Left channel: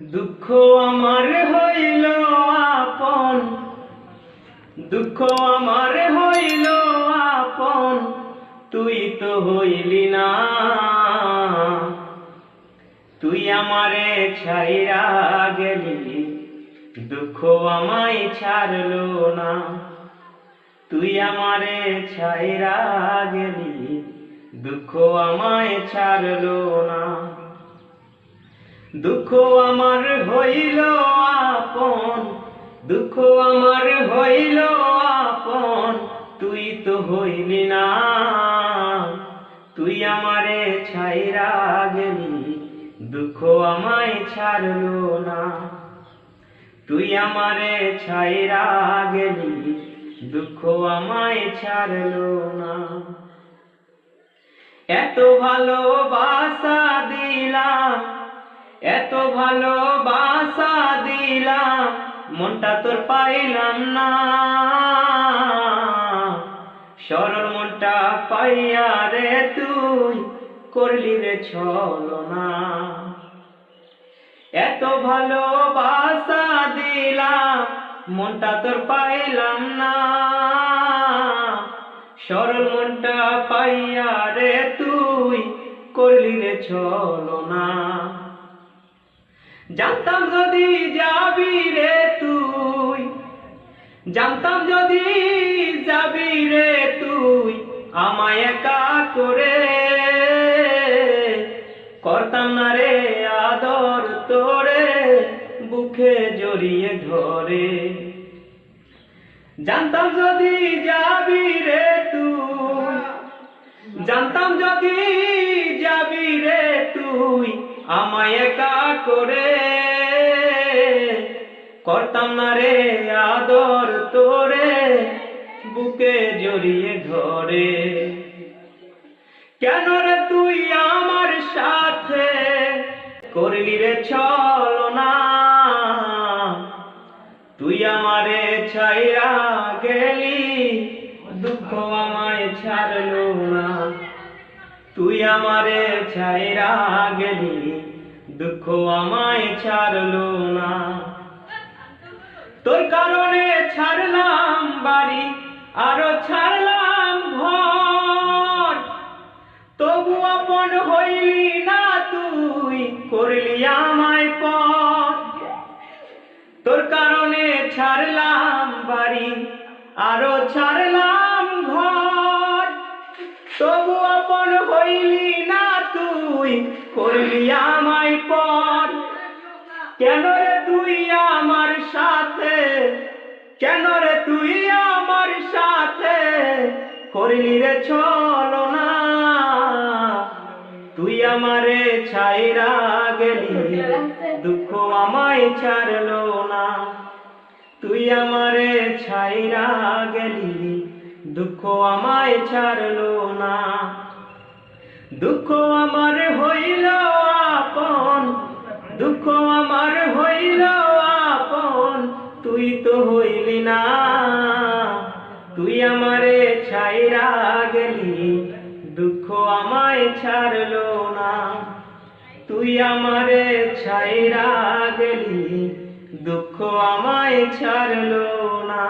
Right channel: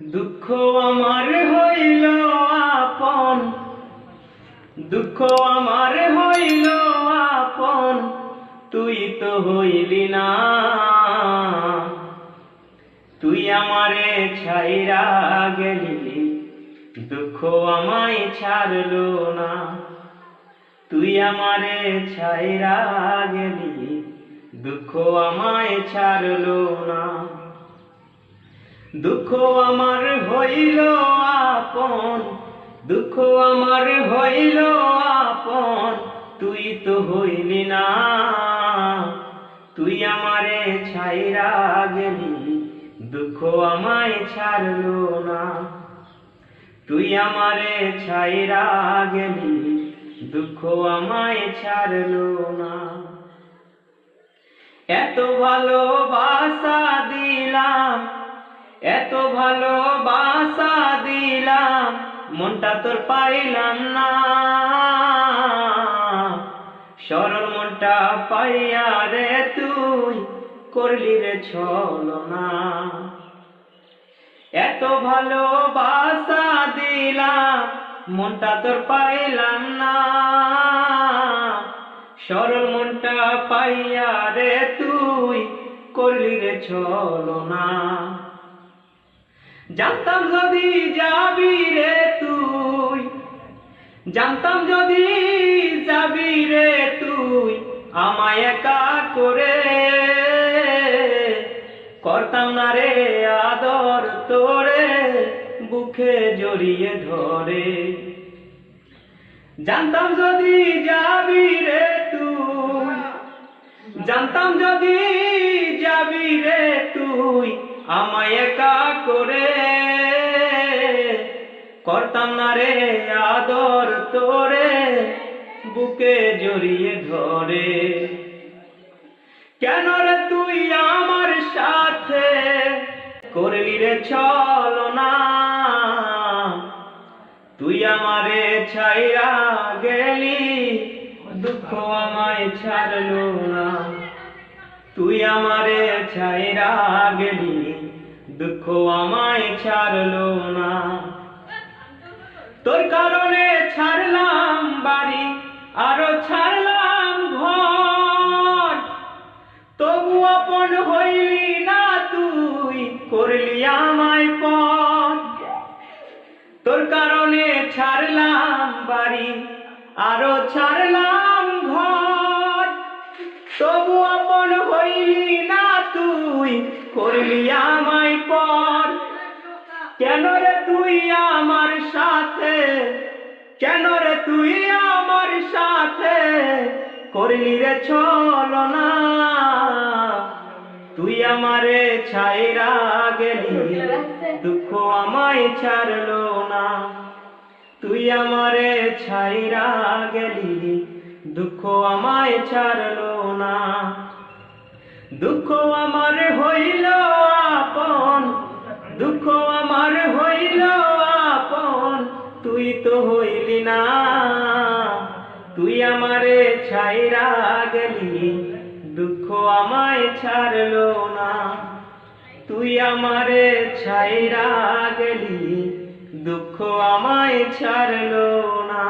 দুঃখ আমার হইল আপন, দুঃখ আমার হইল আপন, তুই তো হইলি না। তুই আমারে ছাইরা গেলি, দুঃখ আমায় ছাড়লো না। তুই আমারে ছাইরা গেলি, দুঃখ আমায় ছাড়লো না। দুঃখ আমার হইল আপন, দুঃখ আমার হইল আপন, তুই তো হইলি না। তুই আমারে ছাইরা গেলি, দুঃখ আমায় ছাড়লো না। তুই আমারে ছাইরা গেলি, দুঃখ আমায় ছাড়লো না। এত ভালোবাসা দিলাম, এত ভালোবাসা দিলাম, মনটা তোর পাইলাম না। সরল মনটা পাইয়া রে তুই করলি রে ছলনা। এত ভালোবাসা দিলাম, মনটা তোর পাইলাম না। সরল মনটা পাইয়া রে তুই করলি রে ছলনা। জানতাম যদি যাবি রে তুই, জানতাম যদি যাবি রে তুই আমায় একা করে, করতাম না রে আদর তোরে বুকে জড়িয়ে ধরে। জানতাম যদি যাবি রে তুই, জানতাম যদি যাবি রে তুই আমায় একা করে, করতাম না রে আদর তোরে বুকে জড়িয়ে ধরে। কেন রে তুই আমার সাথে করলি রে ছলনা। তুই আমারে ছাইরা গেলি, দুঃখ আমায় ছাড়লো না। তুই আমারে ছাইরা গেলি, দুঃখ আমায় ছাড়লো না। তোর কারণে ছাড়লাম বাড়ি, আরো ছাড়লাম ঘর, তবু আপন হইলি না তুই করলি আমায় পর। তোর কারণে ছাড়লাম বাড়ি, আরো ছাড়লাম ঘর, তবু আপন হইলি না তুই করলি আমায় পর। কেন রে তুই আমার সাথে, কেন রে তুই আমার সাথে করলি রে ছলনা। তুই আমারে ছাইরা গেলি, দুঃখ আমায় ছাড়লো না। তুই আমারে ছাইরা গেলি, দুঃখ আমায় ছাড়লো না। দুঃখ আমার হইল আপন, দুঃখ আমার হইল আপন, তুই তো হইলি না। তুই আমারে ছাইরা গেলি, দুঃখ আমায় ছাড়লো না। তুই আমারে ছাইরা গেলি, দুঃখ আমায় ছাড়লো না।